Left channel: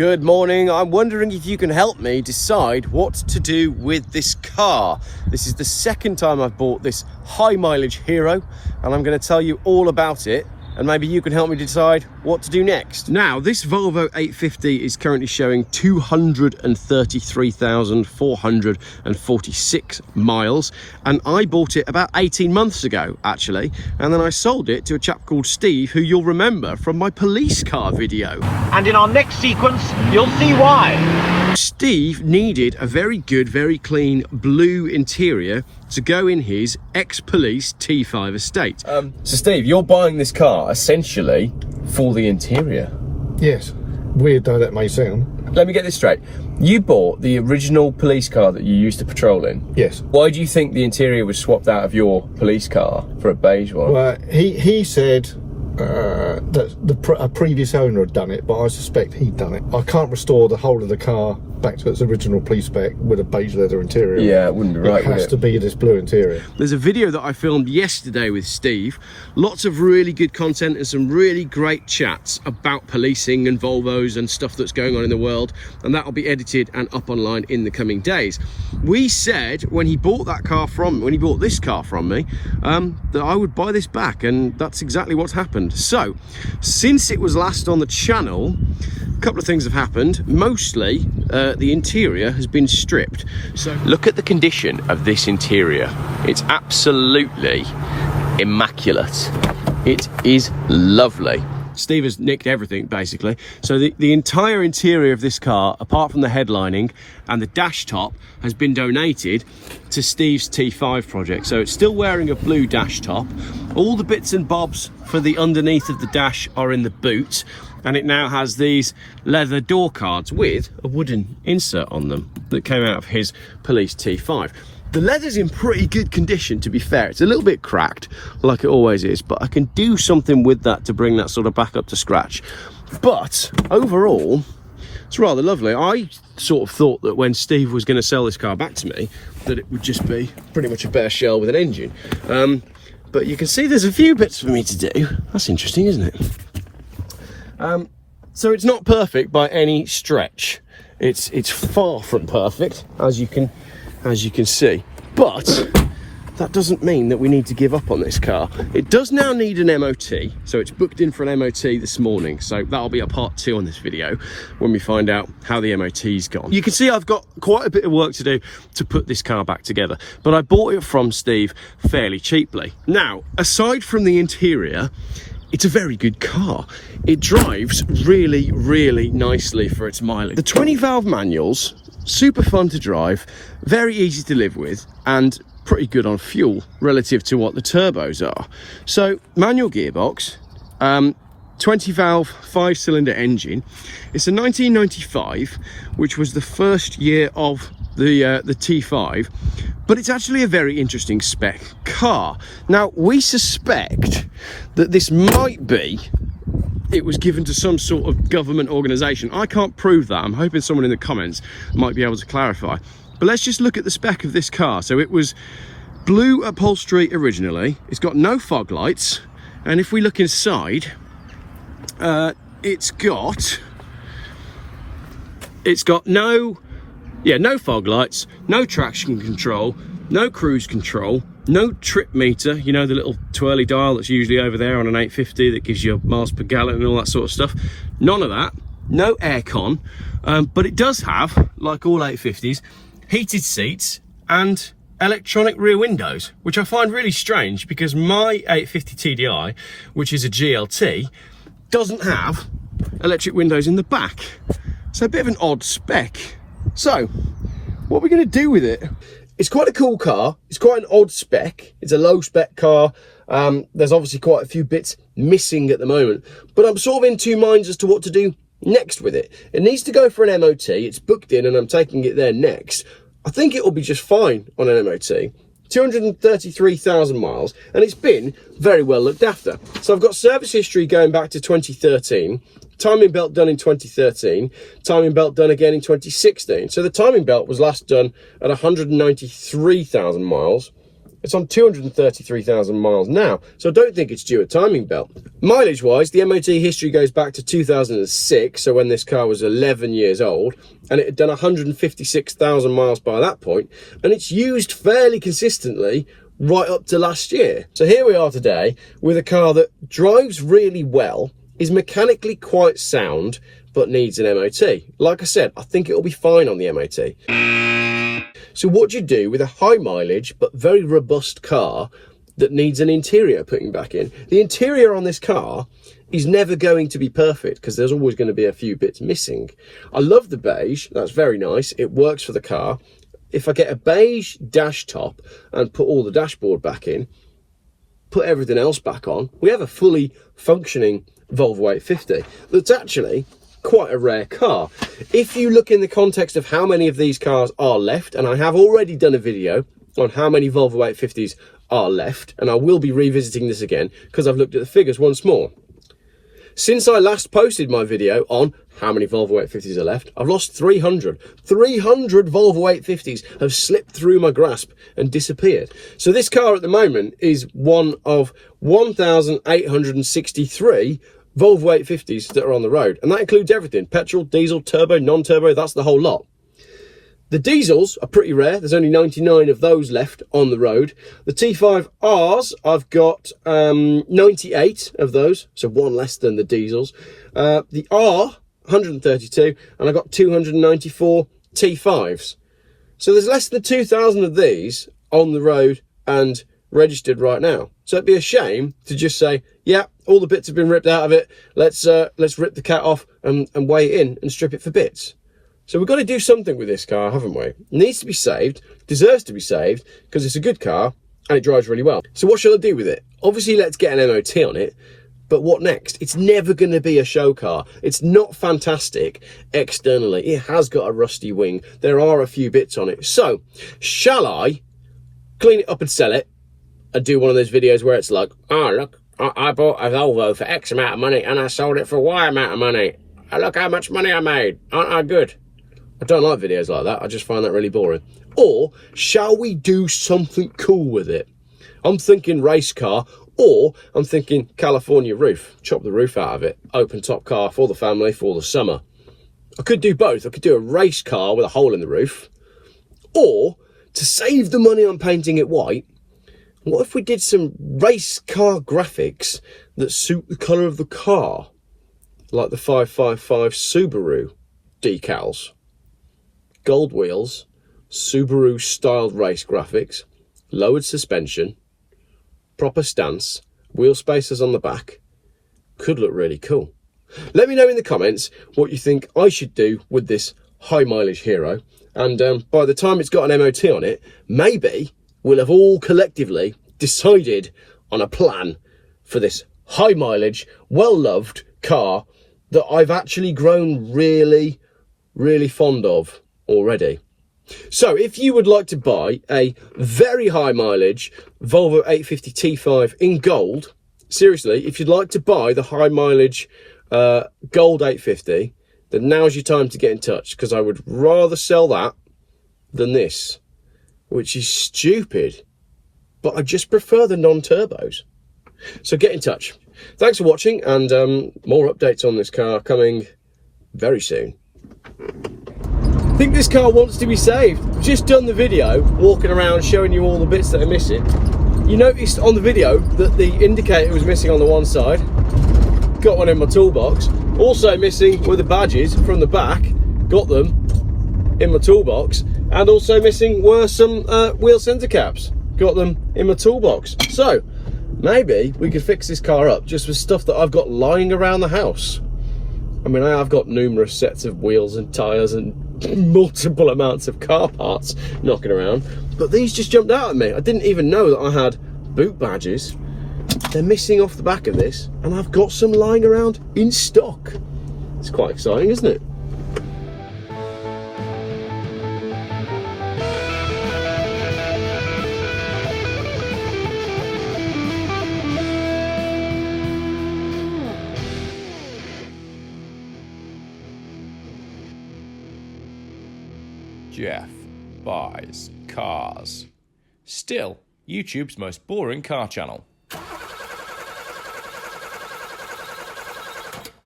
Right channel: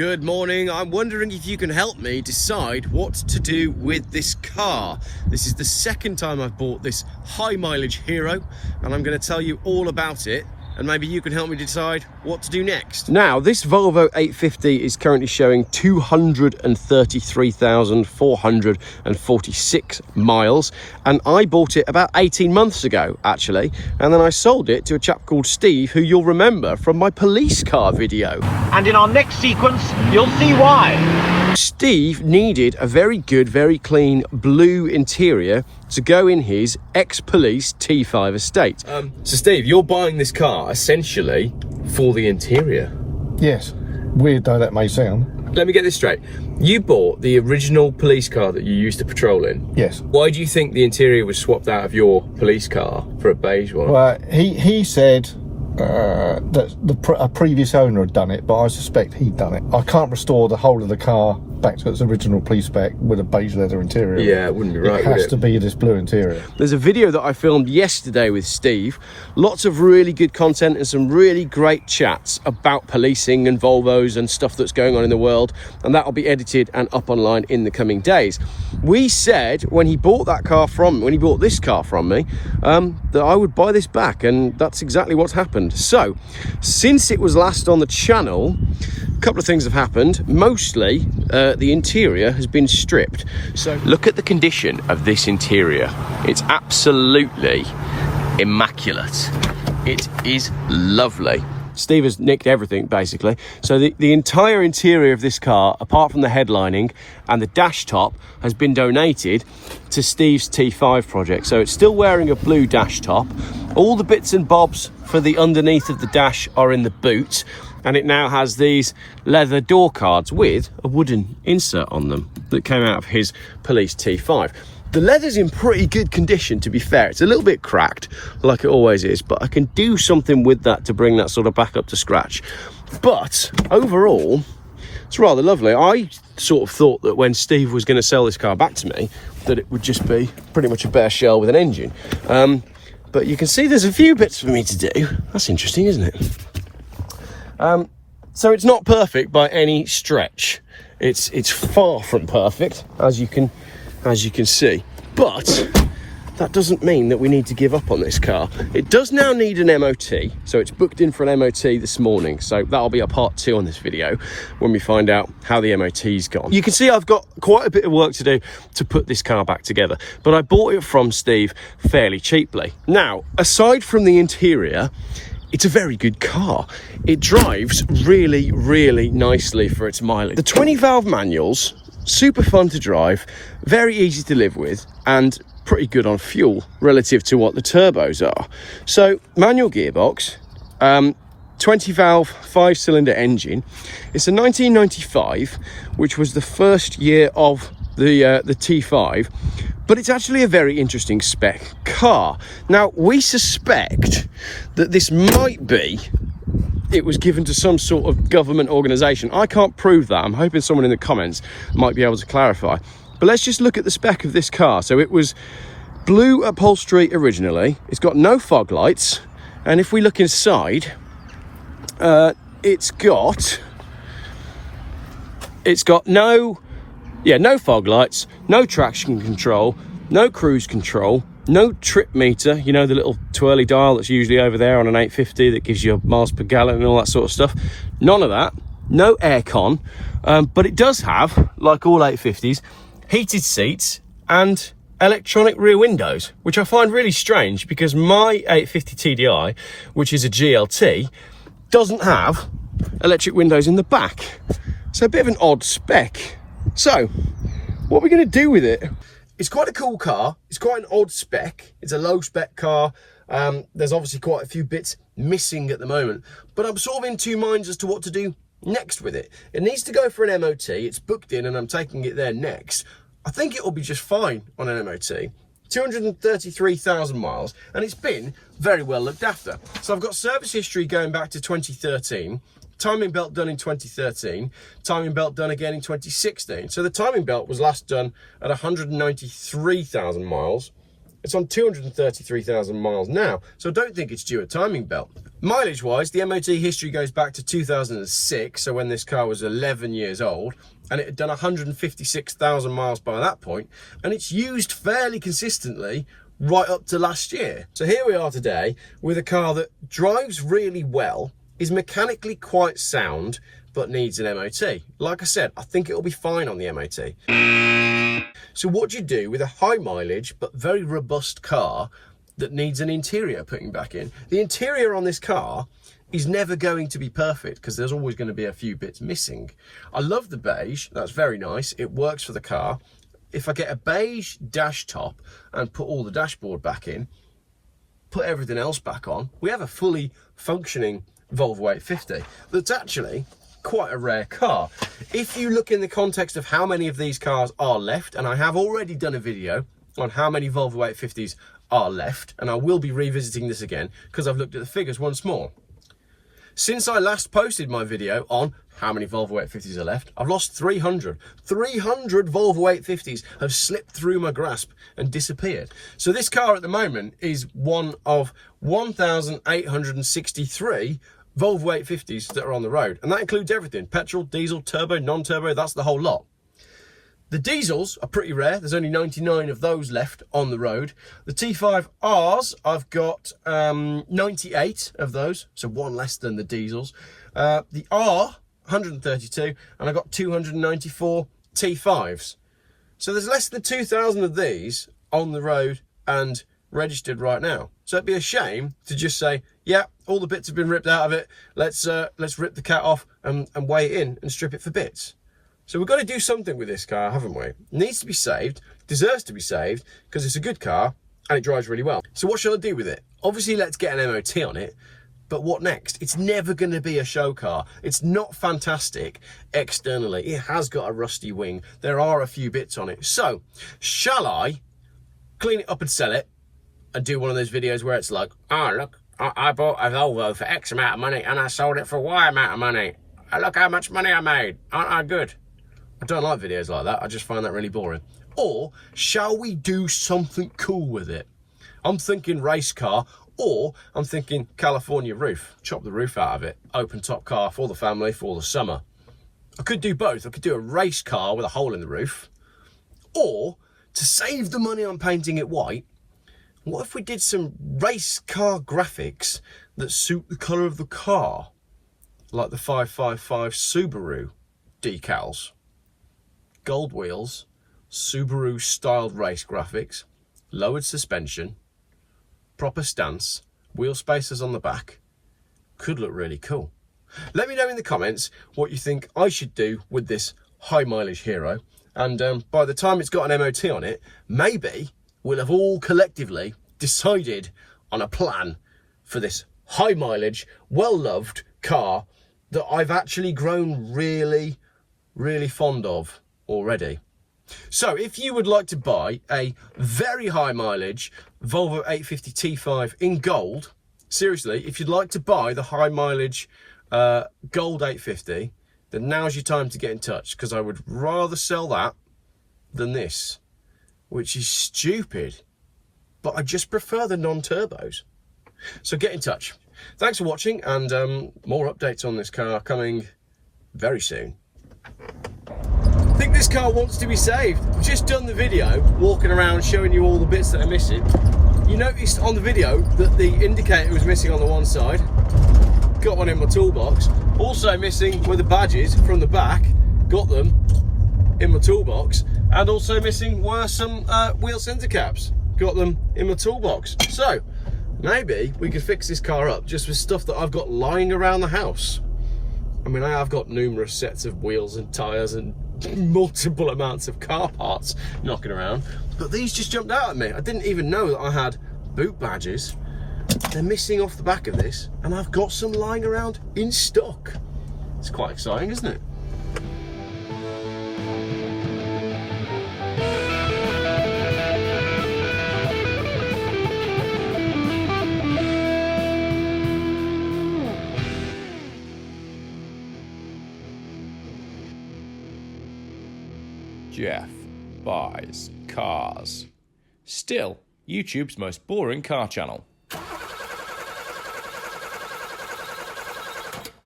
Good morning. I'm wondering if you can help me decide what to do with this car. This is the second time I've bought this high mileage Hero, and I'm going to tell you all about it, and maybe you can help me decide what to do next. Now, this Volvo 850 is currently showing 233,446 miles, and I bought it about 18 months ago, actually, and then I sold it to a chap called Steve, who you'll remember from my police car video. And in our next sequence, you'll see why. Steve needed a very good, very clean blue interior to go in his ex-police T5 estate. So Steve, you're buying this car essentially for the interior. Yes, weird though that may sound. Let me get this straight. You bought the original police car that you used to patrol in? Yes. Why do you think the interior was swapped out of your police car for a beige one? Well, he said that a previous owner had done it, but I suspect he'd done it. I can't restore the whole of the car back to its original police spec with a beige leather interior. Yeah, it wouldn't be right, would it? It has to be this blue interior. There's a video that I filmed yesterday with Steve. Lots of really good content and some really great chats about policing and Volvos and stuff that's going on in the world, and that'll be edited and up online in the coming days. We said when he bought this car from me, that I would buy this back, and that's exactly what's happened. So, since it was last on the channel, a couple of things have happened. Mostly, the interior has been stripped. So look at the condition of this interior. It's absolutely immaculate. It is lovely. Steve has nicked everything, basically. So the entire interior of this car, apart from the headlining and the dash top, has been donated to Steve's T5 project. So it's still wearing a blue dash top. All the bits and bobs for the underneath of the dash are in the boot, and it now has these leather door cards with a wooden insert on them that came out of his police T5. The leather's in pretty good condition, to be fair. It's a little bit cracked, like it always is, but I can do something with that to bring that sort of back up to scratch. But overall, it's rather lovely. I sort of thought that when Steve was going to sell this car back to me, that it would just be pretty much a bare shell with an engine. But you can see there's a few bits for me to do. That's interesting, isn't it? So it's not perfect by any stretch. It's far from perfect, as you can see. But that doesn't mean that we need to give up on this car. It does now need an MOT, so it's booked in for an MOT this morning. So that'll be a part 2 on this video when we find out how the MOT's gone. You can see I've got quite a bit of work to do to put this car back together, but I bought it from Steve fairly cheaply. Now, aside from the interior, it's a very good car. It drives really, really nicely for its mileage. The 20-valve manual's super fun to drive, very easy to live with, and pretty good on fuel relative to what the turbos are. So, manual gearbox, 20-valve, 5-cylinder engine. It's a 1995, which was the first year of the T5, but it's actually a very interesting spec car. Now, we suspect that this might be, it was given to some sort of government organisation. I can't prove that. I'm hoping someone in the comments might be able to clarify. But let's just look at the spec of this car. So it was blue upholstery originally. It's got no fog lights. And if we look inside, it's got no fog lights, no traction control, no cruise control, no trip meter, you know, the little twirly dial that's usually over there on an 850 that gives you miles per gallon and all that sort of stuff. None of that. No aircon, but it does have, like all 850s, heated seats and electronic rear windows, which I find really strange because my 850 TDI, which is a GLT, doesn't have electric windows in the back. So a bit of an odd spec. So, what are we going to do with it? It's quite a cool car. It's quite an odd spec. It's a low spec car. There's obviously quite a few bits missing at the moment, but I'm sort of in two minds as to what to do next with it. It needs to go for an MOT. It's booked in and I'm taking it there next. I think it will be just fine on an MOT. 233,000 miles, and it's been very well looked after. So I've got service history going back to 2013, timing belt done in 2013, timing belt done again in 2016. So the timing belt was last done at 193,000 miles, It's on 233,000 miles now, so I don't think it's due a timing belt. Mileage wise, the MOT history goes back to 2006, so when this car was 11 years old, and it had done 156,000 miles by that point, and it's used fairly consistently right up to last year. So here we are today with a car that drives really well, is mechanically quite sound, but needs an MOT. Like I said, I think it'll be fine on the MOT. So what do you do with a high mileage but very robust car that needs an interior putting back in? The interior on this car is never going to be perfect because there's always going to be a few bits missing. I love the beige, that's very nice, it works for the car. If I get a beige dash top and put all the dashboard back in, put everything else back on, we have a fully functioning Volvo 850 that's actually quite a rare car. If you look in the context of how many of these cars are left, and I have already done a video on how many Volvo 850s are left, and I will be revisiting this again because I've looked at the figures once more. Since I last posted my video on how many Volvo 850s are left, I've lost 300. 300 Volvo 850s have slipped through my grasp and disappeared. So this car at the moment is one of 1,863 Volvo 850s that are on the road. And that includes everything: petrol, diesel, turbo, non-turbo, that's the whole lot. The diesels are pretty rare. There's only 99 of those left on the road. The T5Rs, I've got 98 of those, so one less than the diesels. The R, 132, and I've got 294 T5s. So there's less than 2,000 of these on the road and registered right now. So it'd be a shame to just say, yeah, all the bits have been ripped out of it. Let's rip the cat off and weigh it in and strip it for bits. So we've got to do something with this car, haven't we? It needs to be saved, deserves to be saved, because it's a good car and it drives really well. So what shall I do with it? Obviously, let's get an MOT on it, but what next? It's never going to be a show car. It's not fantastic externally. It has got a rusty wing. There are a few bits on it. So shall I clean it up and sell it and do one of those videos where it's like, oh, look, I bought a Volvo for X amount of money and I sold it for Y amount of money. Look how much money I made. Aren't I good? I don't like videos like that. I just find that really boring. Or shall we do something cool with it? I'm thinking race car, or I'm thinking California roof. Chop the roof out of it. Open top car for the family for the summer. I could do both. I could do a race car with a hole in the roof. Or, to save the money on painting it white, what if we did some race car graphics that suit the colour of the car? Like the 555 Subaru decals. Gold wheels, Subaru styled race graphics, lowered suspension, proper stance, wheel spacers on the back. Could look really cool. Let me know in the comments what you think I should do with this high mileage hero, and by the time it's got an MOT on it, maybe we'll have all collectively decided on a plan for this high mileage, well loved car that I've actually grown really fond of already. So if you would like to buy a very high mileage Volvo 850 T5 in gold, seriously, if you'd like to buy the high mileage gold 850, then now's your time to get in touch, because I would rather sell that than this, which is stupid, but I just prefer the non-turbos. So get in touch. Thanks for watching, and more updates on this car coming very soon. I think this car wants to be saved. Just done the video walking around showing you all the bits that are missing. You noticed on the video that the indicator was missing on the one side. Got one in my toolbox. Also missing were the badges from the back. Got them in my toolbox. And also missing were some wheel centre caps. Got them in my toolbox. So maybe we could fix this car up just with stuff that I've got lying around the house. I mean, I've got numerous sets of wheels and tyres and multiple amounts of car parts knocking around, but these just jumped out at me. I didn't even know that I had boot badges. They're missing off the back of this, and I've got some lying around in stock. It's quite exciting, isn't it? Geoff buys cars. Still, YouTube's most boring car channel.